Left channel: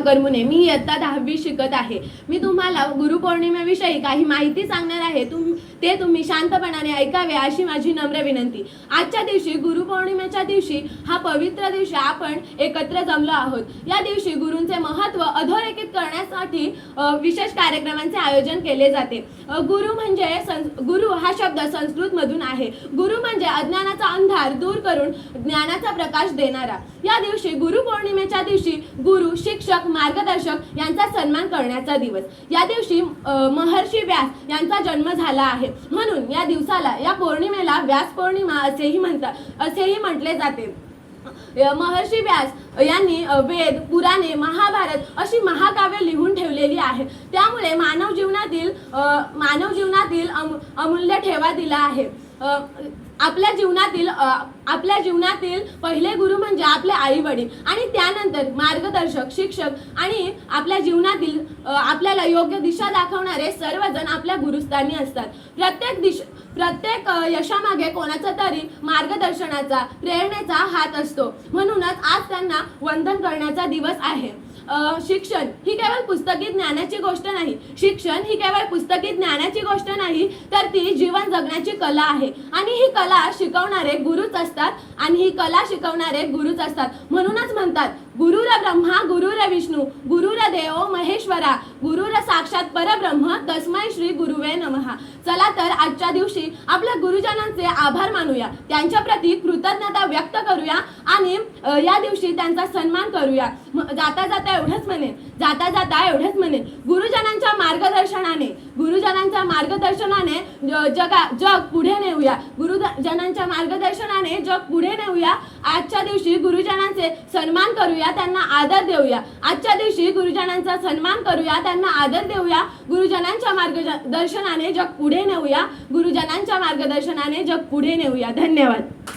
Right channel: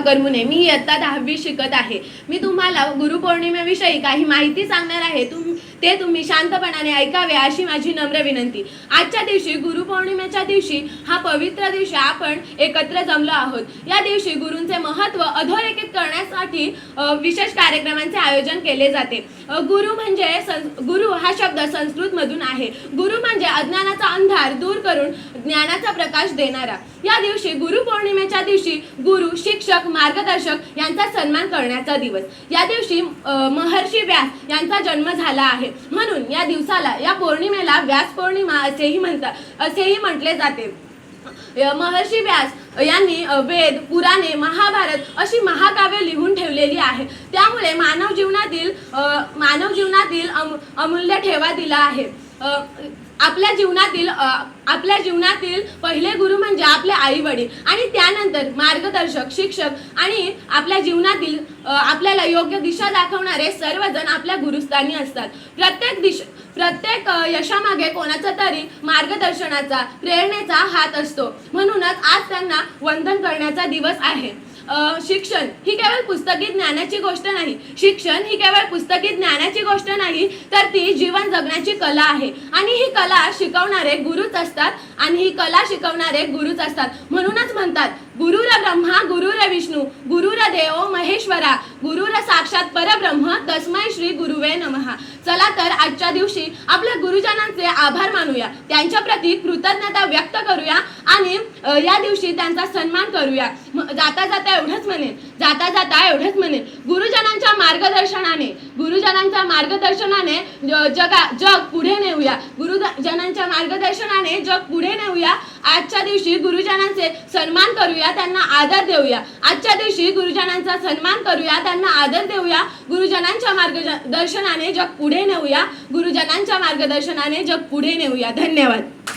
करमुने. मी इयत्ता 10वी शिकत आहे. मी तुम्हाला गुरुपौर्णिमेविषयी काही माहिती सांगणार आहे. ते तुम्ही शांतपणाने ऐकावे अशी माझी नम्र विनंती. आजच्या दिवशी गुरुपौर्णिमेच्या दिवशी हा पवित्र दिवशी आपण एकत्र जमलो आहोत. या दिवशी गुरूंचे महत्त्व अधोरेखित करण्यासाठी विशेष कार्यक्रमांचे आयोजन केले जाते. गुरु हा शब्द संस्कृत मधून आहे. गुरु म्हणजे अज्ञानाचा अंधार दूर करून ज्ञानाचा प्रकाश देणारा. या दिवशी गुरुपौर्णिमेच्या दिवशी गुरु, शिक्षक, मार्गदर्शक यांचा सन्मान करण्याचा दिवस. या दिवशी महर्षी व्यास यांचा जन्म झाला आहे. म्हणून या दिवसाला, या पौर्णिमेला व्यास पौर्णिमा असेही म्हटले जाते. महर्षी व्यास यांनी वेद, पुराणे, महाभारत अशी महाकाव्ये लिहून ठेवलेली आहे. त्यामुळे मानव जीवनातील अमूल्य ठेवा दिला आहे. आपल्या जीवनातील पहिले गुरु म्हणजे आपले आई वडील आणि त्यानंतर मार्गदर्शक, शिक्षक आणि आपल्या जीवनातील आपल्याला योग्य दिशा दाखवणारे सर्वजण आपल्या गुरुस्थानी असतात. प्रत्येक यशामागे कोणाचा तरी मार्गदर्शनाचा, प्रेरणेचा हात असतो. म्हणूनच आज त्यांना वंदन करण्याचा दिवस आहे. शिक्षण ही केवळ पुस्तकी ज्ञानाची गोष्ट नाही. शिक्षण ही केवळ पुस्तकी ज्ञानाची गोष्ट नाही, तर ती जीवन जगण्याची कला आहे. आणि ही कला शिकवणारे गुरुच असतात. म्हणूनच म्हणतात, गुरुर ब्रह्मा गुरुर विष्णू गुरुर देवो महेश्वरा गुरुर साक्षात परब्रह्म तस्मै श्री गुरुवे नमः. चला तर आजच्या दिवशी आपल्या गुरुजनांचे आभार मानूया, त्यांच्या प्रती कृतज्ञता व्यक्त करूया आणि या दिवशी त्यांचा सन्मान करूया. जाता जाता एवढंच म्हणेन, गुरुजनांच्या मार्गदर्शनाने जग पुढे नेऊया. गुरुजनांच्या मार्गदर्शनाने जग पुढे नेऊया. आजच्या दिवशी गुरुजनांचे सन्मान करूया, त्यांना आदर देऊया. गुरुजनांच्या मार्गदर्शनाने जग पुढे नेऊया. धन्यवाद.